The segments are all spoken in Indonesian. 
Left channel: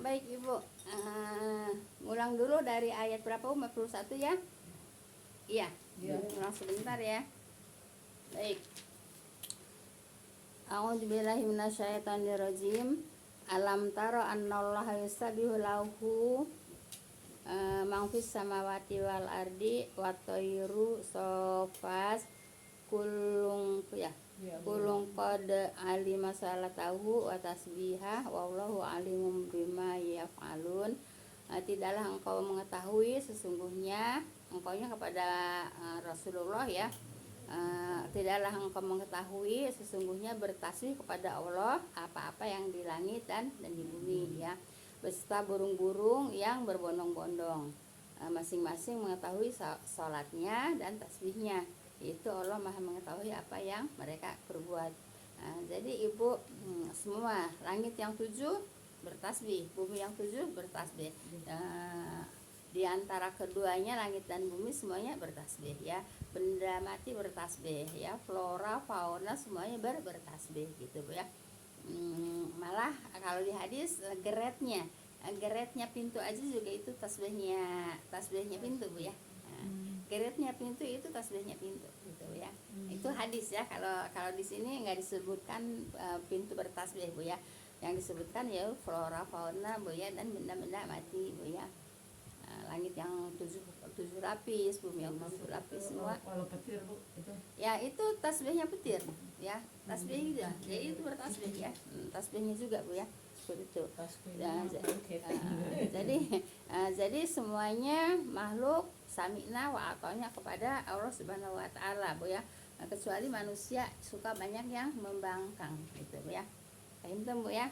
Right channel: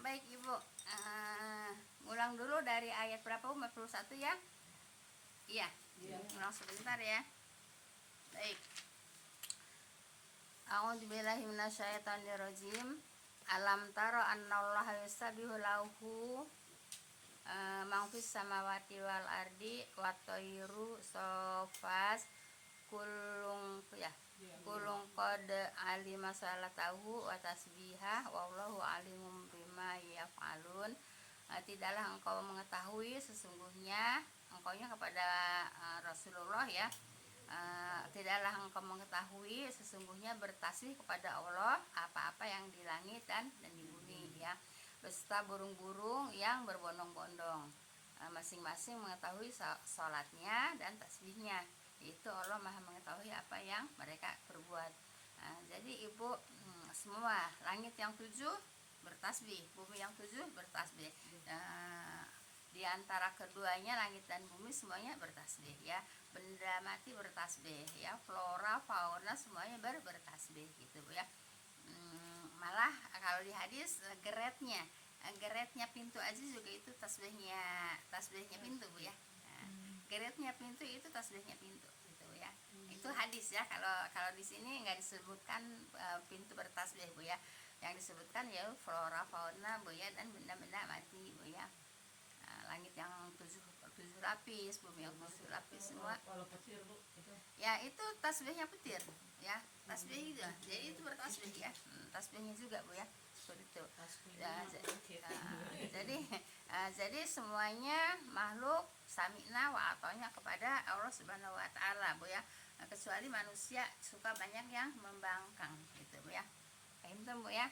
baik Ibu. Ulang dulu dari ayat berapa? 41 ya? Iya. Ulang sebentar ya. Baik. A'udzubillahi minasyaitonirrajim. Alam tara annallaha yusabbihu lahu man fis samawati wal ardi wat thayru safas kulung ya. Kulung qad alima salatahu wa tasbihah wallahu alimum bima yaf'alun. Tidaklah engkau mengetahui sesungguhnya engkaunya kepada Rasulullah ya. Tidaklah engkau mengetahui sesungguhnya bertasbih kepada Allah apa-apa yang di langit dan di bumi ya, beserta burung-burung yang berbondong-bondong. Masing-masing mengetahui sholatnya dan tasbihnya, itu Allah maha mengetahui apa yang mereka perbuat. Jadi Ibu, semua langit yang 7 bertasbih, bumi yang 7 bertasbih. Di antara keduanya langit dan bumi semuanya bertasbih ya, benda mati bertasbih ya, flora fauna semuanya bertasbih gitu Bu ya. Malah kalau di hadis geretnya pintu aja juga itu tasbihnya pintu Bu ya. Geretnya pintu itu tasbihnya pintu gitu ya. Itu hadis ya. Kalau di sini nggak disebutkan pintu bertasbih Bu ya. Yang disebutkan ya flora fauna Bu ya, dan benda-benda mati Bu ya. Langit yang 7 lapis, bumi yang 7 lapis semua. Kalau petir Bu itu. Ya itu tasbihnya petir ya, tasbih juga. Jadi itu bertasbih ya. Tasbihnya juga Bu ya. Seperti itu. Jadi semuanya makhluk sami'na wa ata'na kepada Allah Subhanahu wa taala Bu ya. Kecuali manusia suka banyak yang membangkang gitu Bu ya. Itu Bu ya.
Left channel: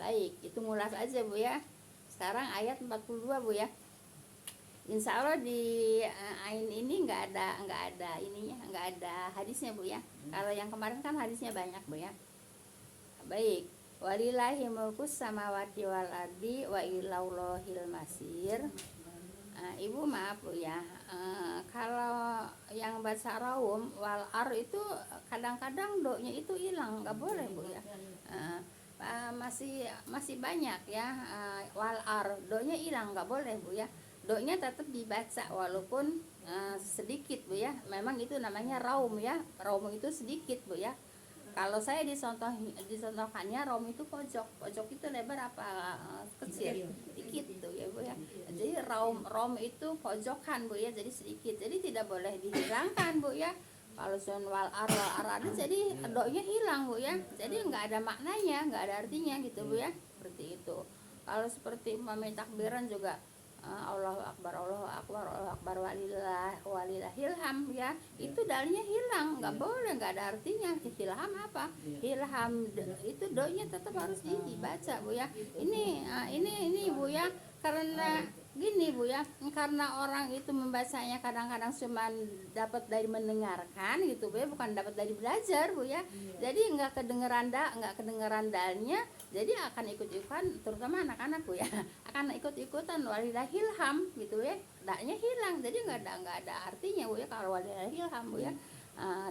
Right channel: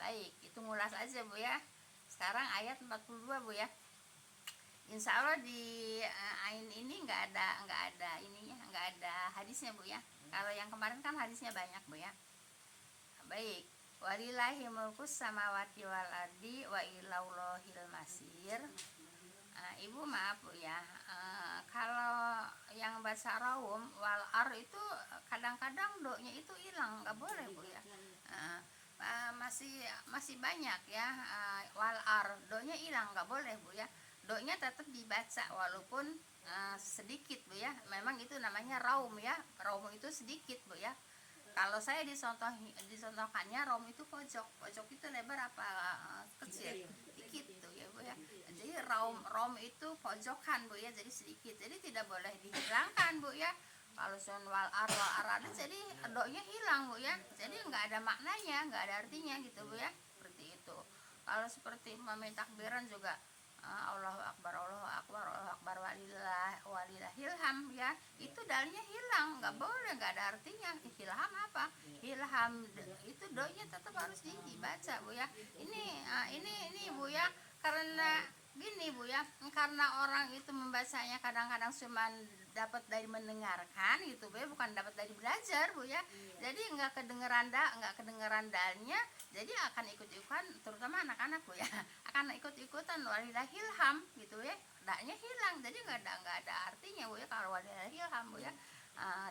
Baik, itu ngulas aja Bu ya. Sekarang ayat 42 Bu ya. Insya Allah di ain ini nggak ada ininya, nggak ada hadisnya Bu ya. Kalau yang kemarin kan hadisnya banyak Bu ya. Baik. Walillahi mulkus samawati wal ardi wa ilaillahil masir. Ibu maaf Bu ya. Kalau yang bahasa Raum wal ar itu kadang-kadang do-nya itu hilang, nggak boleh Bu ya. Masih banyak ya, wal ar do-nya hilang, nggak boleh Bu ya. Do-nya tetap dibaca walaupun sedikit Bu ya. Memang itu namanya raum ya. Raum itu sedikit Bu ya. Kalau saya disontohkannya raum itu pojok itu lebar apa kecil? Dikit tuh ya Bu ya. Jadi raum itu pojokan Bu ya, jadi sedikit. Jadi tidak boleh dihilangkan Bu ya. Kalau sun wal ar ada jadi do-nya hilang Bu ya. Jadi nggak ada maknanya, nggak ada artinya gitu Bu ya. Seperti itu. Kalau seperti umpama takbiran juga Allahu Akbar, Allahu Akbar, Allahu Akbar, walillahil ham ya, itu dalnya hilang, nggak boleh, nggak ada artinya. Hilham apa? Hilham itu doanya tetap harus dibaca Bu ya. Ini Bu ya, karena gini Bu ya, karena orang itu membacanya kadang-kadang cuma dapat dari mendengarkan gitu Bu ya, bukan dapat dari belajar Bu ya. Jadi nggak kedengeran dalnya, jadi akan ikut-ikutan, terutama anak-anak Bu ya, akan ikut-ikutan walillahil ham gitu ya, daknya hilang, jadi nggak ada artinya Bu ya kalau walillahil ham Bu ya.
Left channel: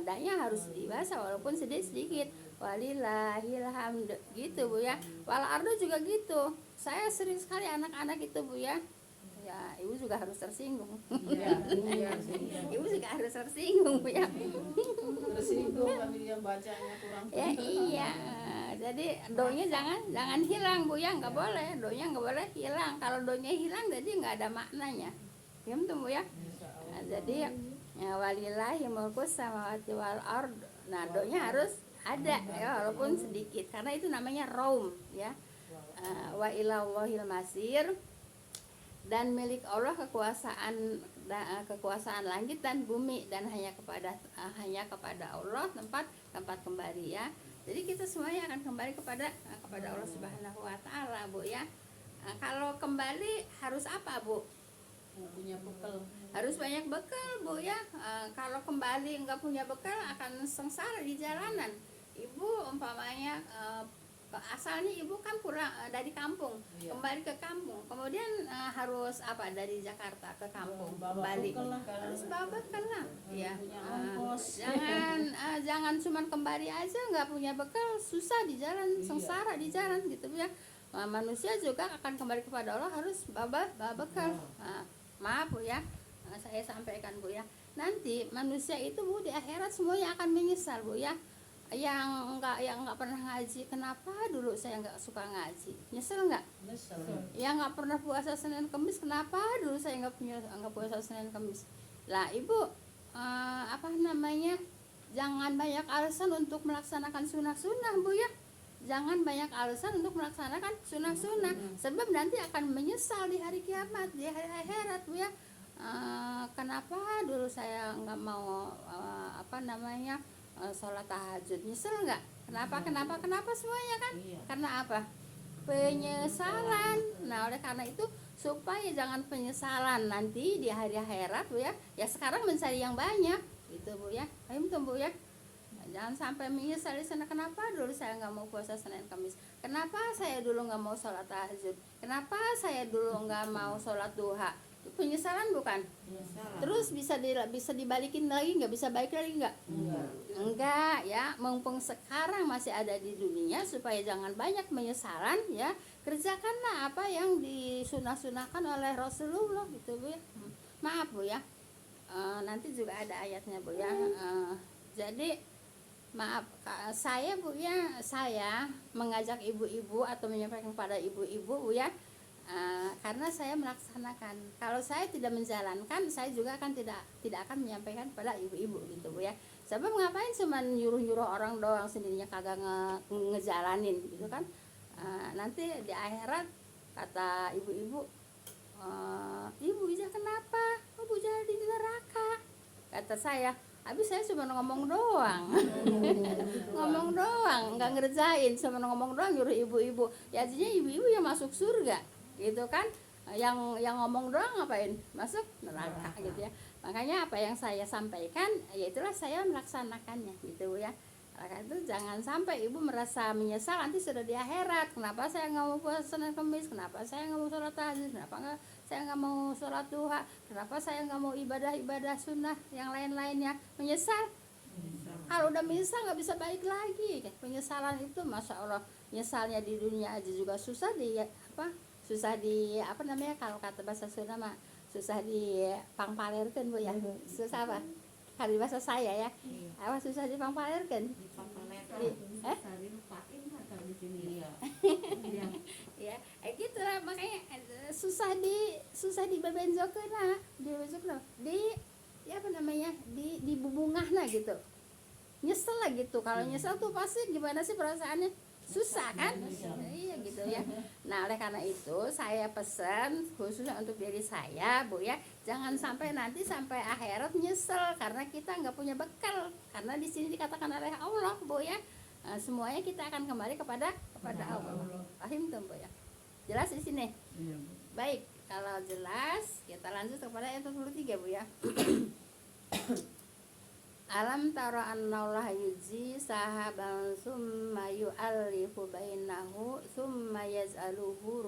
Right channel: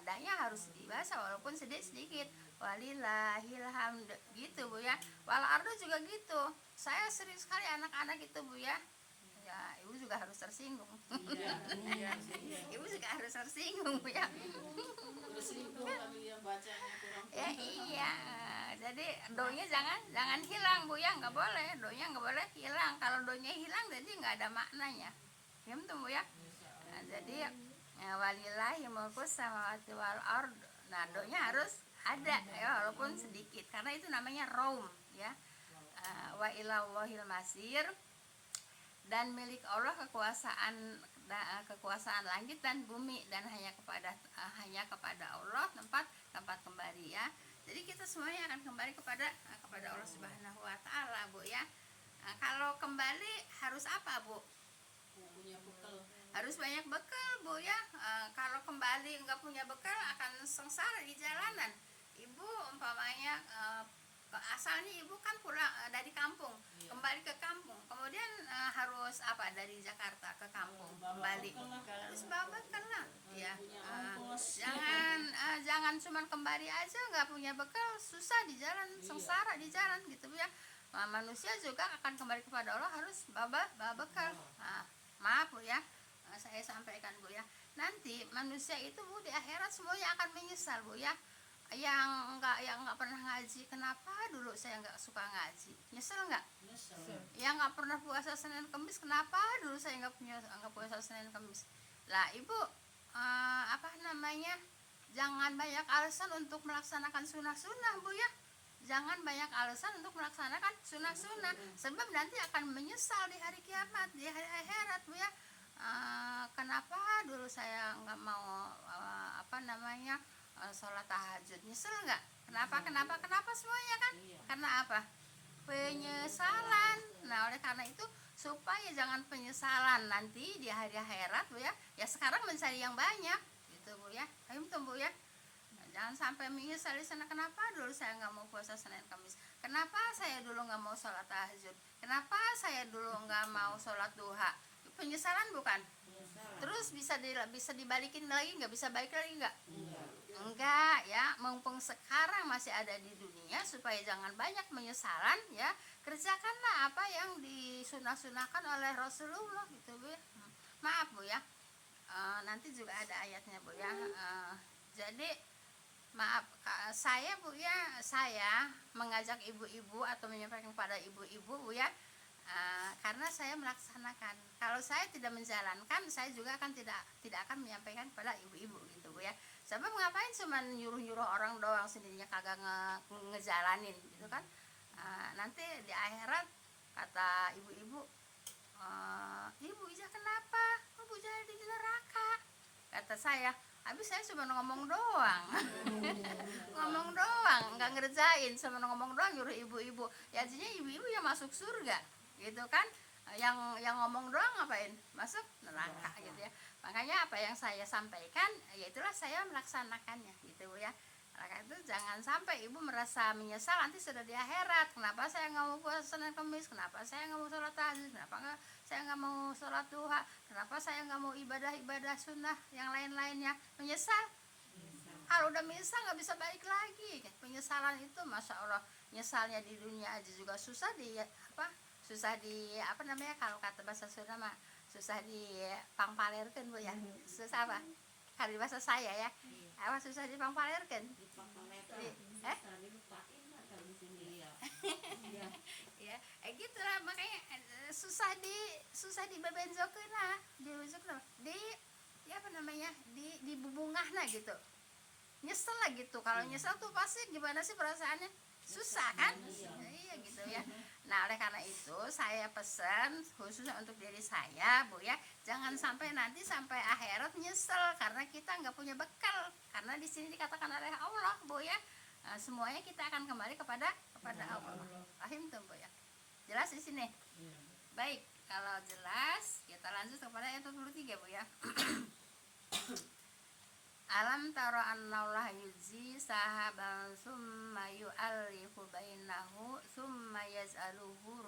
Daknya harus dibaca walaupun sedikit walillahil ham gitu Bu ya. Wal ardu juga gitu. Saya sering sekali anak-anak itu Bu ya. Ya, ibu juga harus tersinggung. Ibu juga harus tersinggung Bu ya. Tersinggung kali yang bacanya kurang. Ya iya. Jadi doanya jangan hilang Bu ya, nggak boleh. Doanya nggak boleh hilang. Kalau doanya hilang jadi nggak ada maknanya. Paham tuh Bu ya? Nah, jadi walillahi mulkus samawati wal ard. Nah, doanya harus ada ya walaupun sedikit karena itu namanya raum ya. Wa ilaillahil masir. Dan milik Allah kekuasaan langit dan bumi, dan hanya kepada Allah tempat kembali ya. Jadi kita semuanya akan kembali kepada Allah Subhanahu wa taala Bu ya. Kalau kembali harus apa Bu? Punya bekal. Harus banyak bekal Bu ya. Kalau kembali nggak punya bekal akan sengsara di jalanan. Ibu umpamanya asalnya ibu kan pulang dari kampung, kembali ke kampung, kemudian harus apa dari Jakarta ke kampung kembali, harus bawa bekal lah ya. Jangan cuman kembali aja nggak punya bekal, susah di jalan, sengsara di jalan gitu ya. manusia juga akan kembali kepada Allah harus bekal. Maaf Bu ya, saya sampaikan Bu ya, nanti manusia itu Bu di akhirat semuanya akan menyesal Bu ya. Yang nggak pernah ngaji, kenapa dulu saya nggak suka ngaji, nyesel nggak? Nyesel. Yang nggak pernah puasa Senin Kemis, kenapa dulu saya nggak puasa Senin Kemis? Lah Ibu, jangan banyak alasan untuk melaksanakan sunnah-sunnah Bu ya. Jangan banyak alasan untuk melaksanakan sunnah-sunnah, sebab nanti akan menyesal di hari kiamat, di hari akhirat Bu ya. Kenapa dulu saya nggak mau sholat tahajud, nyesel nggak? Kenapa semuanya kan? Iya. Karena apa? Penyesalan. Nah oleh karena itu, supaya jangan penyesalan nanti di hari akhirat Bu ya, ya sekarang mencari yang banyak gitu Bu ya. Ayo Bu ya, jangan sampai menyesal di sana. Kenapa dulu saya nggak mau puasa Senin Kamis? Kenapa saya dulu nggak mau sholat tahajud? Kenapa saya dulu nggak mau sholat duha? Itu penyesalan bukan? Terus bisa dibalikin lagi nggak? Bisa balik lagi nggak? Enggak ya. Mumpung sekarang masih ada di dunia, supaya jangan banyak penyesalan ya, kerjakanlah apa yang disunah-sunahkan oleh Rasulullah gitu Bu ya. Maaf Bu ya, nanti juga ada ayatnya Bu ya. Jadi maaf saya Bu ya, saya mengajak ibu-ibu atau menyampaikan kepada ibu-ibu Bu ya, karena saya melaksanakan. Kalau saya tidak menjalankan, saya juga akan tidak akan menyampaikan kepada ibu-ibu gitu Bu ya. Sebab ngapain cuma nyuruh-nyuruh orang doang, sendirinya kagak ngejalanin gitu kan. Nanti di akhirat kata ibu-ibu, Ibu Ija kenapa? Bu jadi di neraka. Kata saya, habis saya cuma ngomong doang. Ngomong doang, nggak ngerjain, cuma ngomong doang nyuruh ibu-ibu. Ya artinya ibu-ibu yang masuk surga gitu kan. Yang ngomong doang ngapain? Masuk neraka gitu ya. Makanya apa yang saya sampaikan, ya itulah saya melaksanakannya gitu ya. Maka itu jangan sampai ibu merasa menyesal nanti sudah di akhirat. Kenapa saya nggak mau puasa Senin Kemis? Kenapa saya nggak mau sholat tahajud? Kenapa saya nggak mau sholat duha? Kenapa saya nggak mau ibadah sunnah yang lain-lainnya? Menyesal. Kalau udah menyesal nggak bisa balik lagi. Penyesalan itu masya Allah, nyesalnya di dunia aja juga susah kalau kata bahasa Sunda mah susah dipangpalerkeun Bu ya. Susah apa? Kalau bahasa saya ya. Apa susah dipangpalerkeun? Ya, gitulah makanya susah dibebenjokeun nah, di bubungahna gitu. Nyesel lah gitu. Kalau nyesel tuh pasti gimana sih perasaannya? Susah kan? Iya gitu ya. Nah oleh karena itu saya pesan khususnya untuk diri saya Bu ya, jangan sampai nanti sampai akhirat nyesel karena kita nggak punya bekal. Karena di sini dikatakan oleh Allah Bu ya, semuanya kita akan kembali kepada Allah. Paham tuh Bu ya? Jelas di sini? Baik, kalau jelas kita lanjut kepada ayat 43 Bu ya. Alam tara annallaha yujzi sahaban summa yu'allifu bainahu summa yaz'aluhu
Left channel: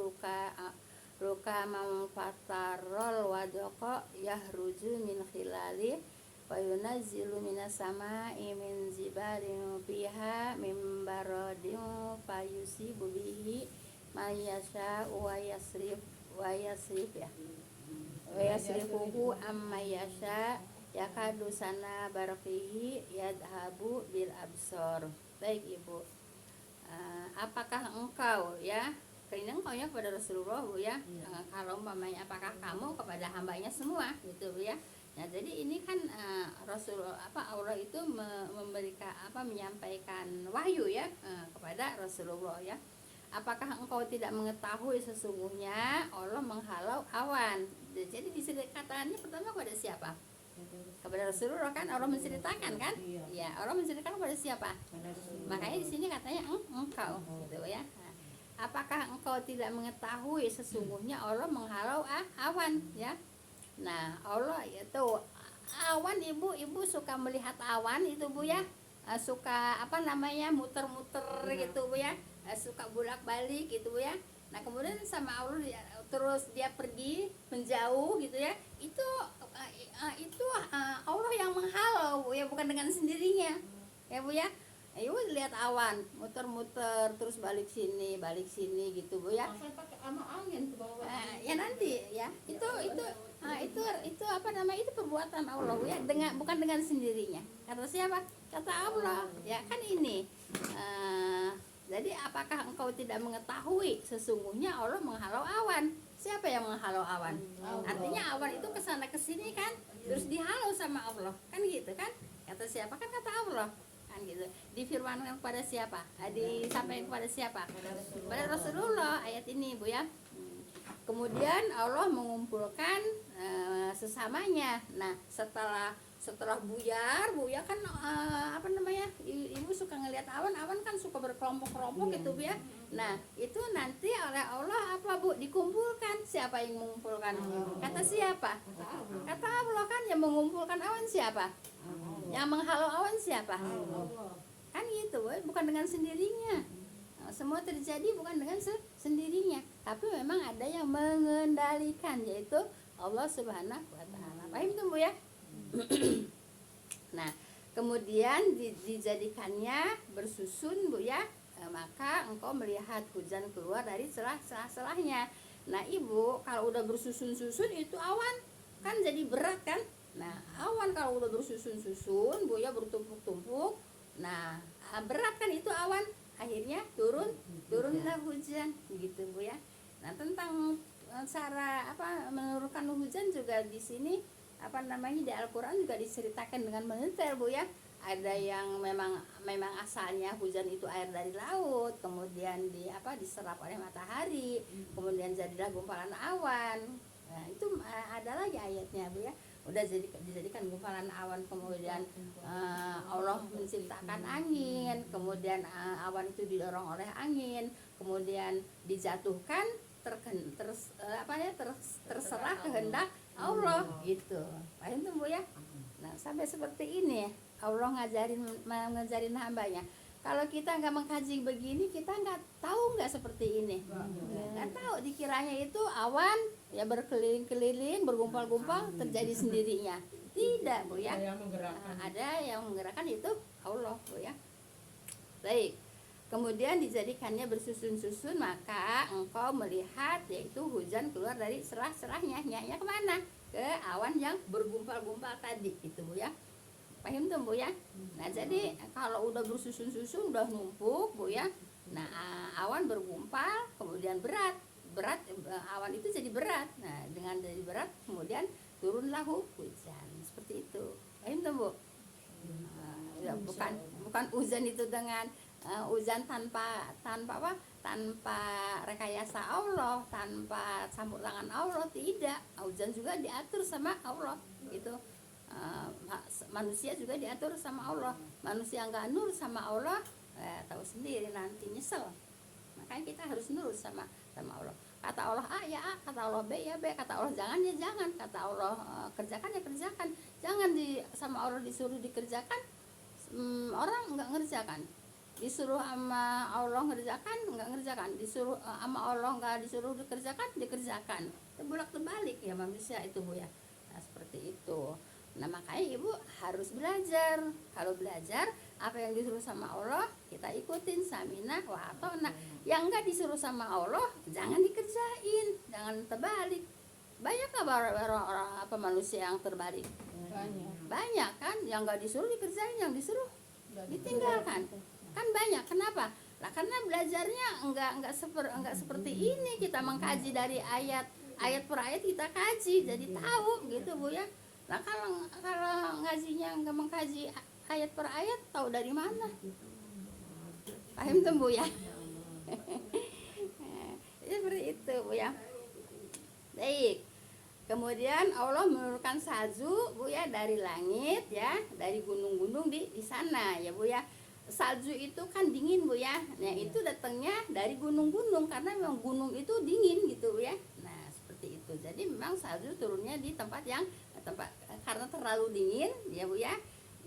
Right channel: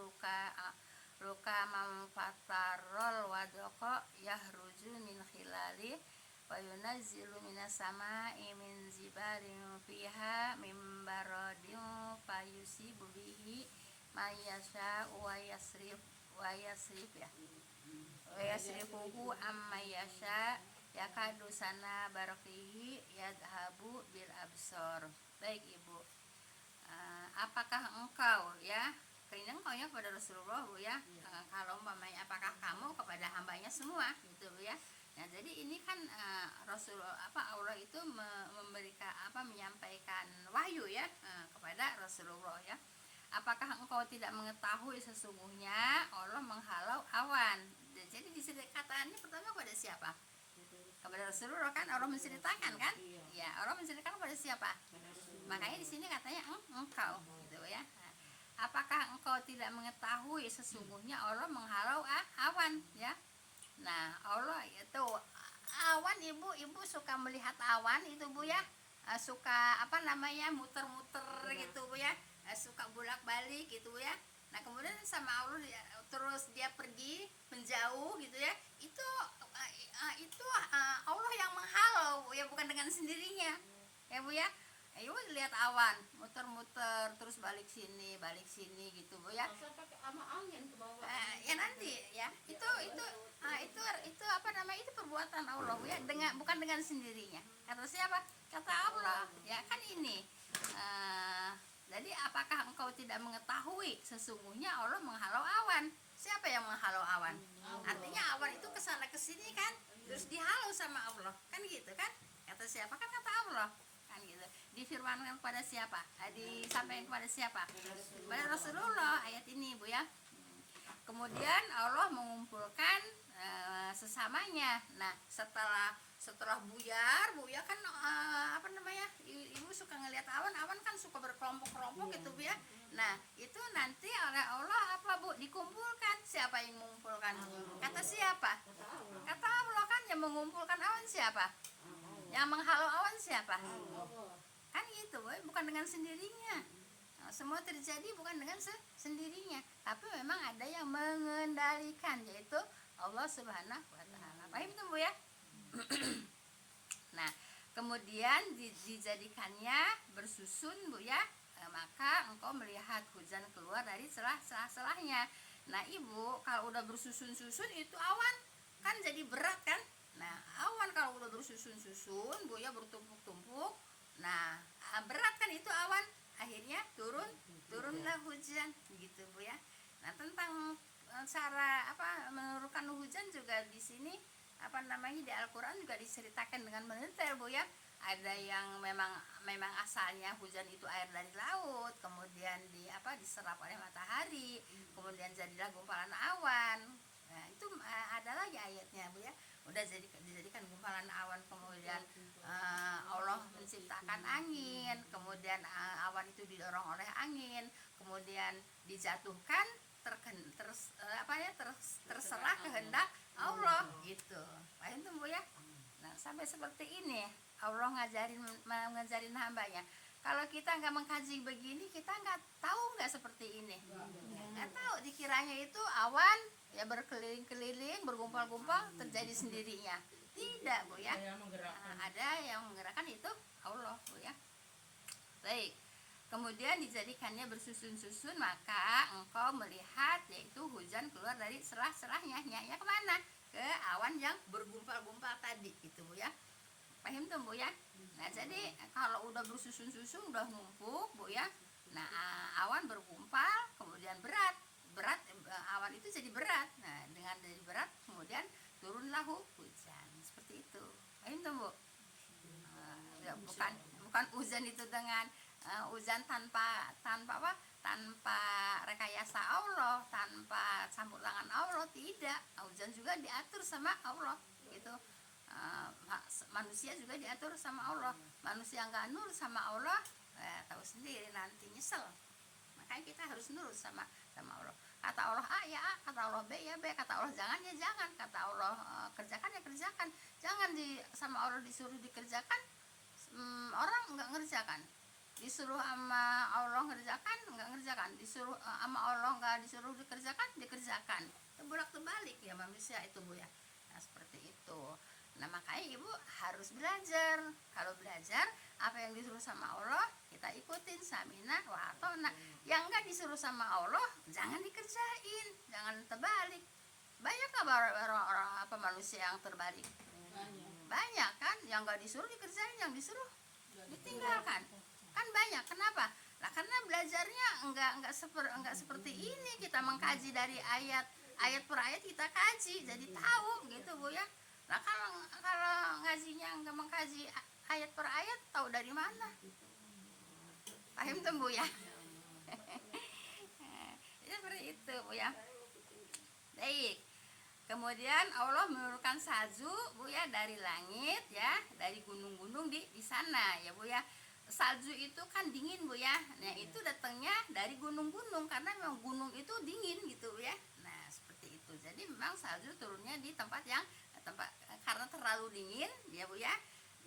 rukaman fatarol wadqa yahruju min khilali fayunazzilu minas sama'i min zibarin fiha min baradin fayusibu bihi mayasha wa yasrifuhu amma yasha yakadu sana barakihi yadhabu bil absor. Baik Ibu, apakah engkau ya, karena engkau ya kepada Rasulullah Bu ya, kalau umpamanya apakah kamu kepada hambanya semua gitu Bu ya. Nah jadi ini kan Allah itu memberikan menyampaikan wahyu ya kepada Rasulullah ya. Apakah engkau tidak mengetahui sesungguhnya Allah menghalau awan. Jadi di sini katanya pertama kepada siapa? Kepada Rasulullah kan, Allah menceritakan kan? Ya, Allah menceritakan kepada siapa? Makanya di sini katanya engkau gitu ya. Nah, apakah engkau tidak mengetahui sesungguhnya Allah menghalau awan ya? Nah, Allah itu awan, ibu suka melihat awan itu Bu ya. Suka muter-muter gitu Bu ya. Suka bolak-balik gitu Bu ya. Nah, kemudian sama Allah terus dia pergi menjauh gitu ya. Itu Allah yang menghalau Bu ya, bukan dengan sendirinya ya Bu ya. Ibu lihat awan muter-muter terus balik sini gitu Bu ya. Masa pakai sama angin ke bawah. Ya nanti ya itu apa namanya, itu perbuatan Allah Bu ya, bukan dengan sendirinya. Kata siapa? Kata Allah ya kan ini. Jadi apakah engkau tidak mengetahui sesungguhnya Allah menghalau awan? Siapa yang menghalau awan? Artinya awan itu kesana kesini kan, terus dihalau sama Allah kan gitu kan? Kata siapa? Kan kata Allah kan gitu. Difirmankan kepada siapa? Disampaikan kepada siapa? Kepada Rasulullah ayat ini Bu ya. Kemudian Allah mengumpulkan sesamanya. Nah setelah buyar kan apa namanya, ibu suka ngelihat awan kan suka berkelompok-kelompok gitu Bu ya. Nah itu nanti oleh Allah apa Bu, dikumpulkan. Siapa yang mengumpulkan? Kata siapa? Kata Allah kan. Yang mengumpulkan awan siapa? Yang menghalau awan siapa? Kan gitu Bu, bukan dengan sendirinya. Semua terjadi bukan dengan sendirinya, tapi memang ada yang mengendalikan, yaitu Allah Subhanahu wa Ta'ala. Paham tuh Bu ya? Nah, kemudian dijadikannya bersusun Bu ya, maka engkau melihat hujan keluar dari celah-celahnya. Nah Ibu, kalau udah bersusun-susun itu awan kan jadi berat kan. Nah awan kalau udah bersusun-susun Bu ya, bertumpuk-tumpuk, nah berat kan itu awan. Akhirnya turunlah hujan gitu Bu ya. Nah tentang cara apa menurunkan hujan juga di sini apa namanya, di Al-Qur'an juga diceritakan dengan mendetail Bu ya. Ada yang memang asalnya hujan itu air dari laut, kemudian diserap oleh matahari, kemudian jadilah gumpalan awan. Nah itu ada lagi ayatnya Bu ya. Udah dijadikan gumpalan awan, kemudian Allah menciptakan angin, kemudian awan itu didorong oleh angin, kemudian dijatuhkan terserah kehendak Allah gitu. Paham tuh Bu ya? Nah sampai seperti ini Allah ngajarin hambanya. Kalau kita nggak mengkaji begini, kita nggak tahu nggak seperti ini. Nggak tahu, dikiranya itu awan ya berkeliling-keliling, bergumpal-gumpal terjadi sendirinya. Tidak Bu ya. Ada yang menggerakkan, itu Allah Bu ya. Baik. Kemudian dijadikannya bersusun-susun, maka engkau melihat yaitu hujan keluar dari selah-selahnya. Nya kemana? Ke awan yang bergumpal-gumpal tadi itu Bu ya. Paham tuh Bu ya? Nah jadi kalau udah bersusun-susun, udah numpuk Bu ya. Nah awan bergumpal, kemudian berat awan itu jadi berat. Nah dengan jadi berat kemudian turunlah hujan seperti itu. Paham tuh Bu? Ya, bukan hujan itu dengan hujan tanpa rekayasa Allah, tanpa campur tangan Allah, tidak. Hujan juga diatur sama Allah gitu. Manusia juga diatur sama Allah. Manusia nggak nurut sama Allah, tahu sendiri nanti nyesel. Makanya kita harus nurut sama Allah. Kata Allah A ya A, kata Allah B ya B, kata Allah jangan ya jangan, kata Allah kerjakan ya kerjakan. Jangan sama Allah disuruh dikerjakan, orang nggak ngerjakan. Disuruh sama Allah ngerjakan nggak ngerjakan, disuruh sama Allah nggak disuruh dikerjakan. Terbalik terbalik ya manusia itu Bu ya. Nah seperti itu. Nah makanya Ibu harus belajar. Kalau belajar apa yang disuruh sama Allah kita ikutin, samina wa atona. Yang nggak disuruh sama Allah jangan dikerjain, jangan terbalik. Banyak nggak orang manusia yang terbalik? Banyak kan, yang nggak disuruh dikerjain, yang disuruh ditinggalkan. Kan banyak. Kenapa? Lah karena belajarnya enggak seperti ini. Kita mengkaji dari ayat per ayat, kita kaji jadi tahu gitu Bu ya. Nah kalau ngajinya enggak mengkaji ayat per ayat, tahu dari mana? Paham tuh Bu ya? Ya seperti itu Bu ya. Baik. Kemudian Allah menurunkan salju Bu ya dari langit ya, dari gunung-gunung di sana ya Bu ya. Salju itu kan dingin Bu ya. Nah itu datangnya dari gunung-gunung, karena memang gunung itu dingin gitu Bu ya. Nah seperti itu. Jadi memang salju turunnya di tempat karena terlalu dingin ya Bu ya.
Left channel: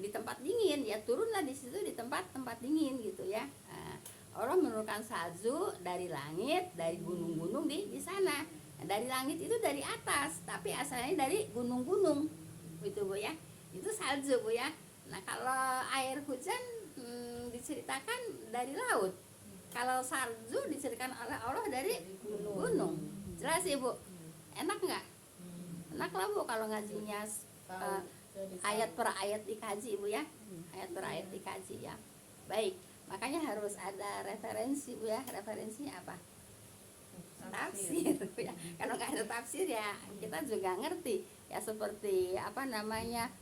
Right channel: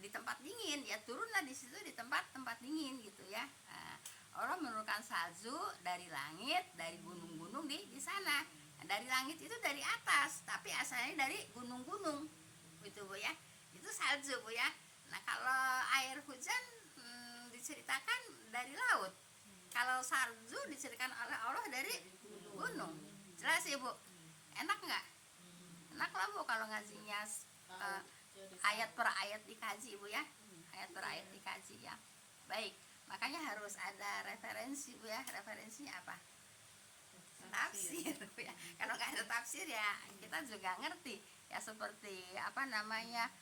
Di tempat dingin ya turunlah di situ, di tempat dingin gitu ya. Nah, Allah menurunkan salju dari langit, dari gunung-gunung di sana. Nah, dari langit itu dari atas, tapi asalnya dari gunung-gunung gitu Bu ya. Itu salju Bu ya. Nah kalau air hujan diceritakan dari laut. Kalau salju diceritakan oleh Allah dari gunung. Jelas Ibu? Enak nggak? Enak lah Bu kalau ngajinya ayat per ayat dikaji Bu ya. Ayat per ayat dikaji ya. Baik, makanya harus ada referensi Bu ya. Referensinya apa? Tafsir Bu ya. Kalau nggak ada tafsir ya kita juga ngerti ya, seperti apa namanya,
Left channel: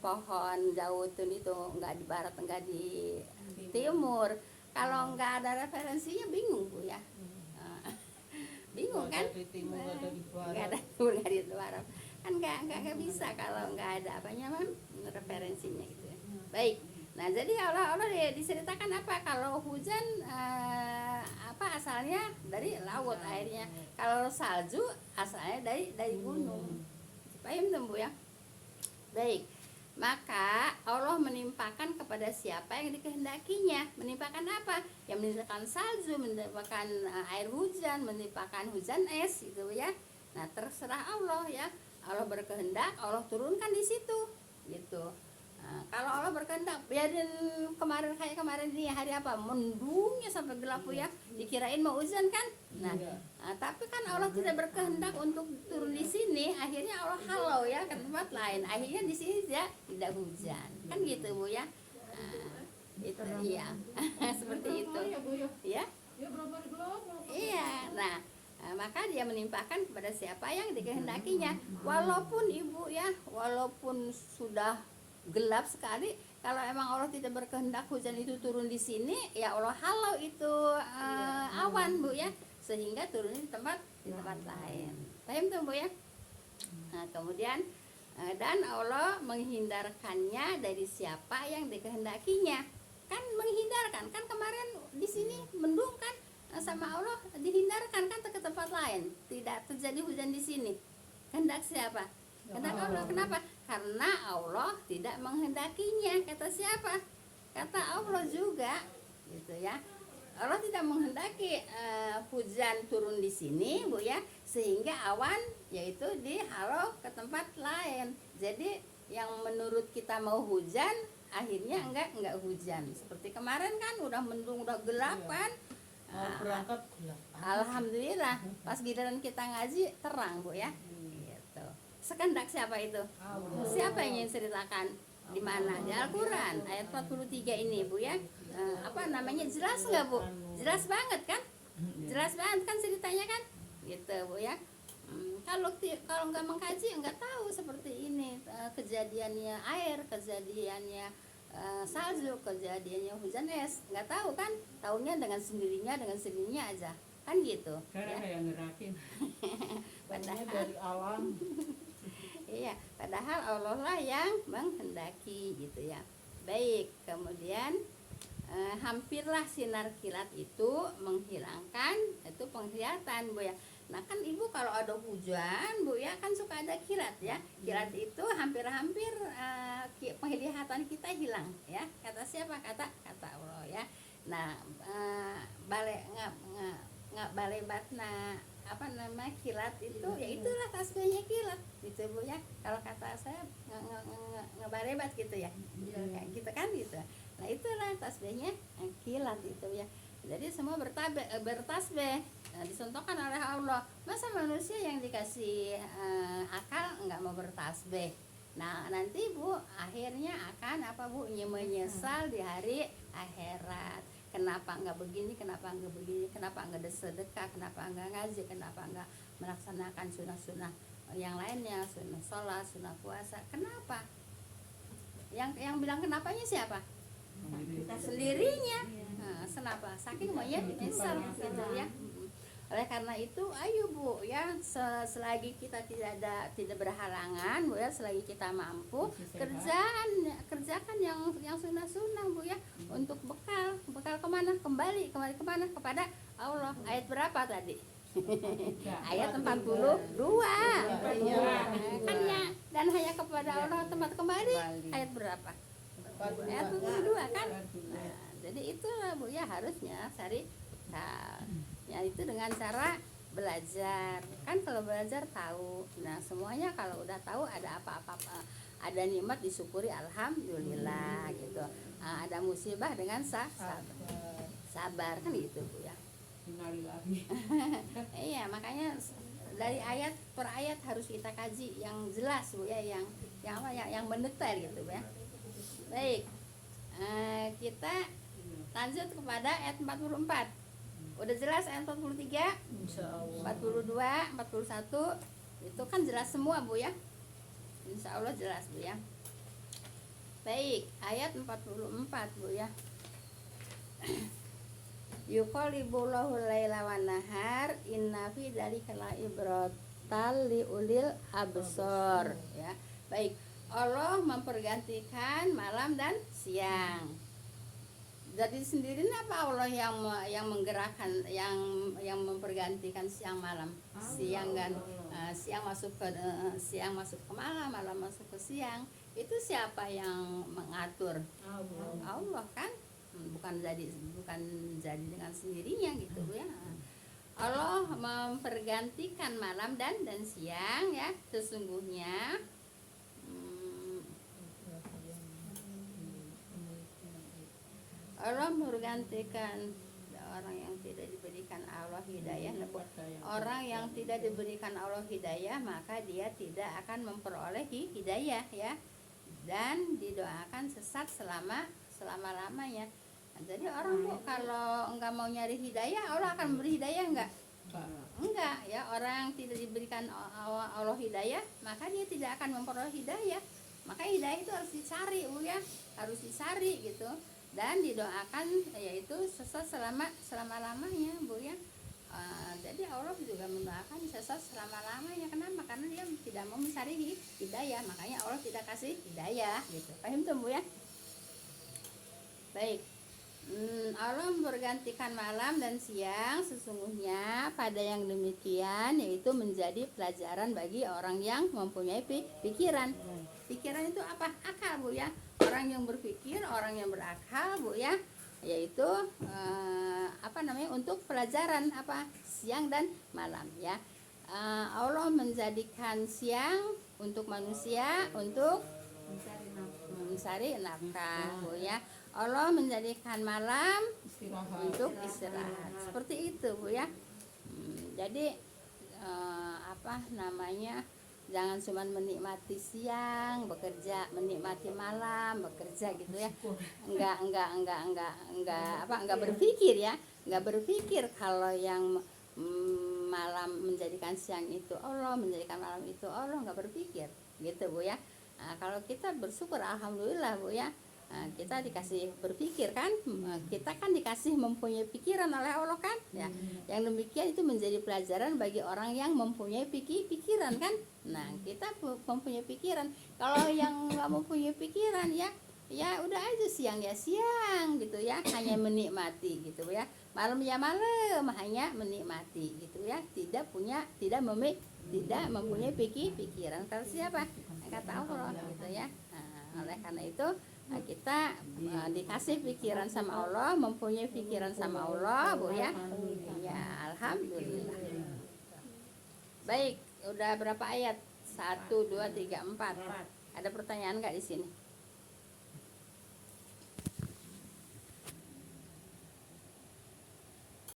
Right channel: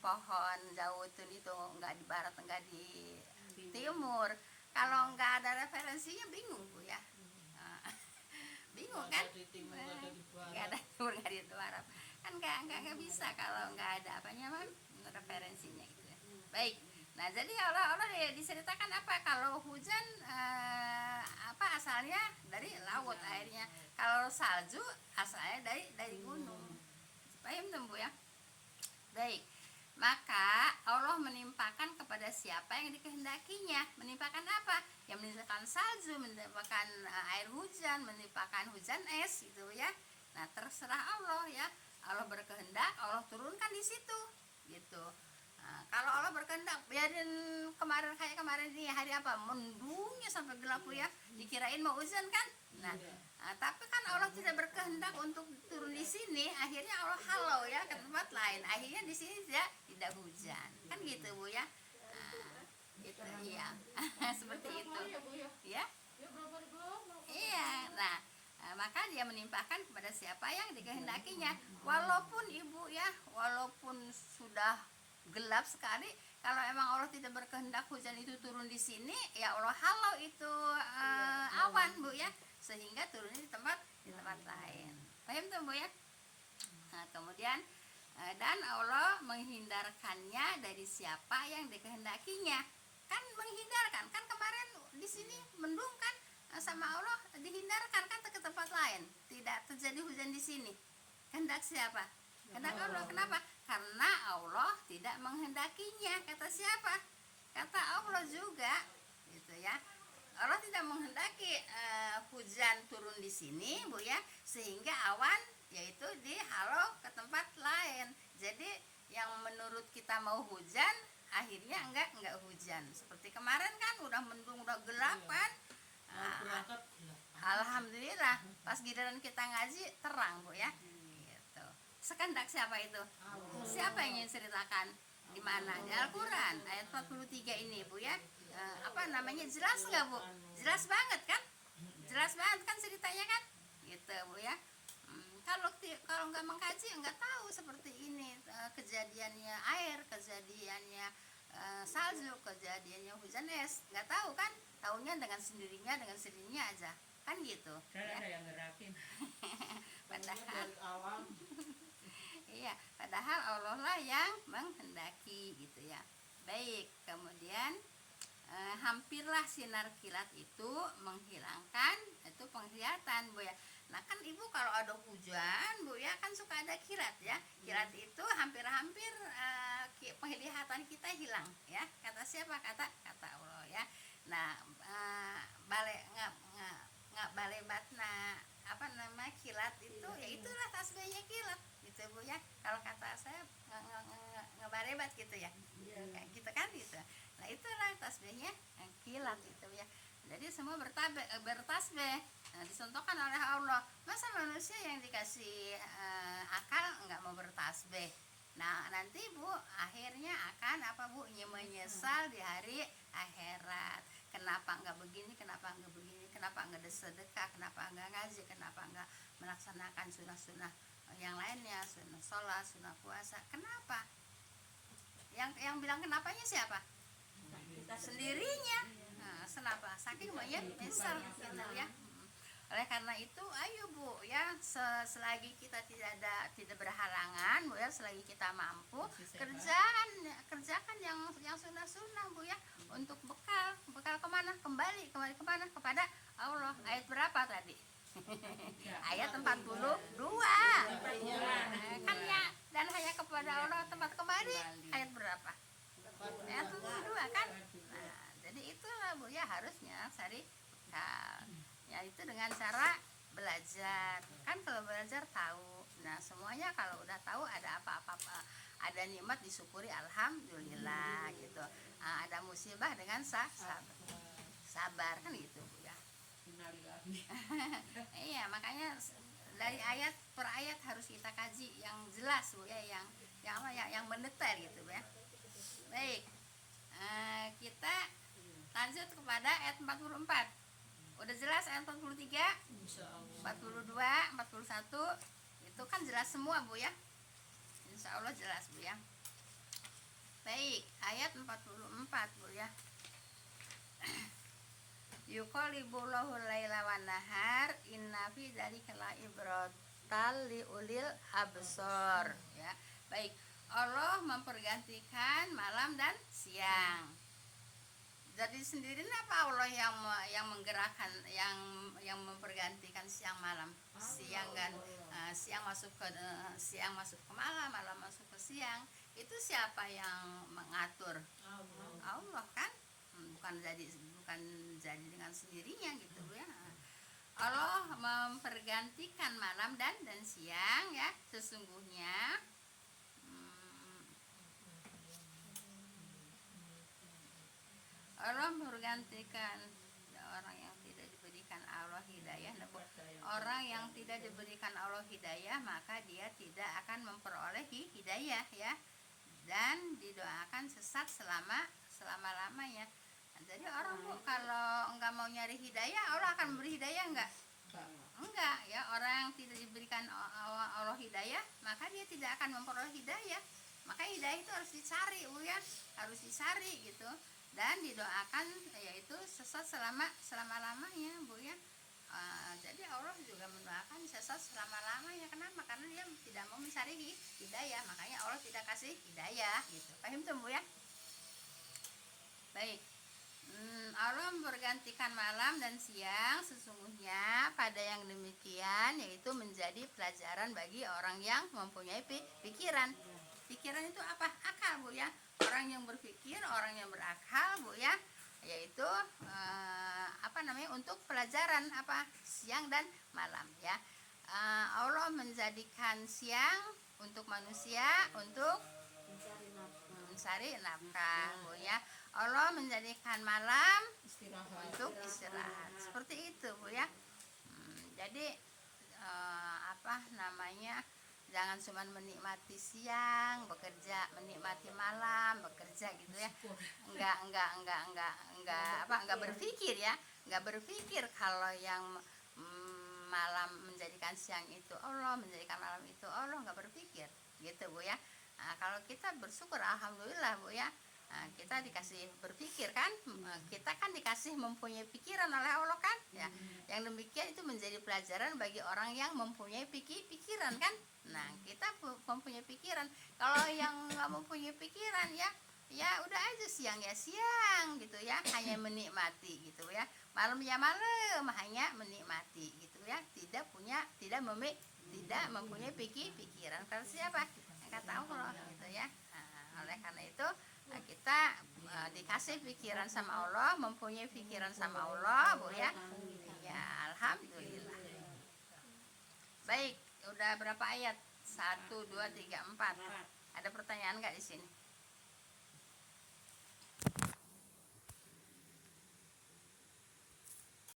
pohon zaitun itu nggak di barat nggak di timur. Kalau nggak ada referensinya bingung Bu ya. Bingung kan? Nggak ada timur nggak di barat kan, nggak bisa kalau nggak ada apanya referensinya gitu ya. Baik, nah jadi Allah diceritakan apa kalau hujan, apa asalnya dari laut airnya, kalau salju asalnya dari gunung. Paham tuh Bu ya? Baik, maka Allah menimpakan kepada siapa yang dikehendakinya. Menimpakan apa? Yang menimpakan salju, menimpakan air hujan, menimpakan hujan es gitu ya. Nah terserah Allah ya. Allah berkehendak, Allah turunkan di situ gitu. Nah, kalau Allah berkehendak, biarin kayak kemarin ini hari apa, mendungnya sampai gelap ya, dikirain mau hujan kan. Nah, tapi kan Allah tidak berkehendak untuk turun di sini, akhirnya Allah halau ya ke tempat lain, akhirnya di sini tidak hujan kan gitu Bu ya. Nah, itu iya. Seperti itu ya. Iya. Nah, maka dia menimpakan kepada siapa yang dikehendakinya. Walaupun Ibu ya, walaupun sudah gelap sekali, kalau emang Allah tidak berkehendak hujan itu turun di sini, ya Allah halau itu awan Bu ya, sehingga turunnya di tempat lain. Paham tuh Bu ya? Nah, kemudian dan Allah menghindarkannya dari siapa yang dikehendakinya. Kan menghindarkan, kan kemarin di sini mendung kan, sama Allah dihindarkan kan ke tempat lain, tidak terjadi hujan di sini. Kehendak siapa? Kehendak Allah. Kenapa? Karena Allah tidak menghendakinya. Kata siapa? Kata Allah juga gitu ya. Allah tidak menghendaki hujan turun di sini Bu ya, sehingga awan yaitu dihalau ke tempat lain. Jadi yang menurut kita mau hujan, akhirnya enggak hujan. Seperti kemarin kan udah mendung, udah gelap kan. Berangkat gelap. Alhamdulillah pas giliran kita ngaji terang Bu ya. Gitu. Sekehendak siapa itu? Siapa yang ingin ceritakan? Di mana? Di Al-Qur'an ayat 43 ini Bu ya. Apa namanya? Jelas enggak Bu? Jelas banget kan? Jelas banget kan ceritanya kan? Gitu Bu ya. Kalau nggak mengkaji nggak tahu seperti ini, kejadiannya air, kejadiannya salju, kejadiannya hujan es, nggak tahu kan, tahunya dengan sendirinya aja kan gitu ya. Ada yang ngerakin. Padahal Dari alam. iya, padahal Allah lah yang menghendaki gitu ya. Baik, kemudian hampirlah sinar kilat itu menghilangkan itu penglihatan Bu ya. Nah kan Ibu kalau ada hujan Bu ya kan suka ada kilat ya. Kilat itu hampir-hampir penglihatan kita hilang ya. Kata siapa? Kata Allah ya. Nah balai batna apa nama kilat itu ya itulah tasbihnya kilat gitu Bu ya. Kalau kata saya ngebalebat gitu ya. Kayak gitu kan gitu. Nah itulah tasbihnya kilat itu ya. Jadi semua bertasbih, disentuhkan oleh Allah. Masa manusia yang dikasih akal nggak mau bertasbih? Nah nanti Bu akhirnya akan apa Bu, menyesal di hari akhirat. Kenapa nggak begini? Kenapa nggak begini? Kenapa nggak sedekah? Kenapa nggak ngaji? Kenapa nggak melaksanakan sunnah-sunnah yang lainnya? Sunnah sholat, sunnah puasa. Kenapa? Yang bilang kenapanya siapa? Sendirinya. Nah, kenapa? Saking maunya menyesal gitu ya. Oleh karena itu ayo Bu ya, selagi kita tidak berhalangan Bu ya, selagi kita mampu kerjakan yang sunnah-sunnah Bu ya, untuk bekal kemana? Kembali kemana? Kepada Allah. Ayat berapa tadi? Ayat 42 kan ya, dan hanya kepada Allah tempat kembali. Ayat berapa? Ayat 42 kan. Nah, jadi itulah Bu ya, harusnya cari bekal ya, itu dengan cara belajar kan. Kalau belajar tahu, nah semuanya kalau udah tahu, ada ada nikmat disyukuri alhamdulillah gitu. Ada musibah dengan sabar kan gitu Bu ya. Innalillahi. Iya, makanya dari ayat per ayat harus kita kaji yang jelas Bu ya, yang apa yang mendetail gitu Bu ya. Baik. Kita lanjut kepada ayat 44. Udah jelas ayat 43, Insyaallah. 42, 41 itu kan jelas semua Bu ya. Insya Allah jelas Bu ya. Baik, ayat 44 Bu ya. Yuqallibullahu laila wan nahar inna fi dzalika laibratal liulil absar ya. Baik, Allah mempergantikan malam dan siang. Jadi sendiri apa Allah yang menggerakkan yang mempergantikan siang malam, siang kan siang masuk ke malam, malam masuk ke siang. Itu siapa yang mengatur? Allah kan, bukan jadi dengan sendirinya gitu ya. Allah mempergantikan malam dan siang ya. Sesungguhnya Allah menggantikan orang yang tidak diberikan Allah hidayah. Orang yang tidak diberikan Allah hidayah, maka dia tidak akan memperoleh hidayah ya. Dan didoakan sesat selama-lamanya. Jadi orang Bu kalau enggak mau nyari hidayah, Allah akan memberi hidayah enggak? Enggak ya. Orang yang tidak diberikan Allah hidayah, maka dia tidak akan memperoleh hidayah. Maka hidayah itu harus dicari Bu ya, harus dicari gitu. Dan didoakan yaitu sesat selama-lamanya Bu ya. Jadi Allah juga mendoakan sesat selama-lamanya. Kenapa? Karena dia tidak mau mencari hidayah, makanya Allah tidak kasih hidayah gitu. Paham tuh Bu ya? Baik. Allah bergantikan malam dan siang, sesungguhnya pada yang demikian yaitu menjadi pelajaran bagi orang yang mempunyai pikiran. Pikiran itu apa? Akal Bu ya. Orang yang berpikir, orang yang berakal Bu ya, yaitu untuk pelajaran siang dan malam ya. Allah menjadikan siang untuk manusia untuk mencari nafkah Bu ya. Allah menjadikan malam untuk istirahat. Seperti itu Bu ya. Jadi jangan cuma menikmati siang bekerja, menikmati malam bekerja gitu ya. Enggak berpikir ya. Enggak berpikir kalau yang malam menjadikan siang itu Allah, menjadikan malam itu Allah, enggak berpikir gitu Bu ya. Kalau kita bersyukur alhamdulillah Bu ya. Kita dikasih berpikir kan, kita kan dikasih mempunyai pikiran oleh Allah kan ya. Yang demikian itu menjadi pelajaran bagi orang yang mempunyai pikiran kan. Nah kita mempunyai pikiran. Kalau yang nggak mempunyai pikiran ya udah aja siang ya siang gitu ya, hanya menikmati gitu ya. Malam ya malam, hanya menikmati gitu ya. Tidak mempunyai pikiran. Kalau siapa? Kata Allah gitu ya. Oleh karena itu kita dikasih pikiran sama Allah, mempunyai pikiran sama Allah Bu ya. Ya alhamdulillah. Baik, udah berapa ayat? 1, 2, 3, 4. Ada pertanyaan nggak di sini?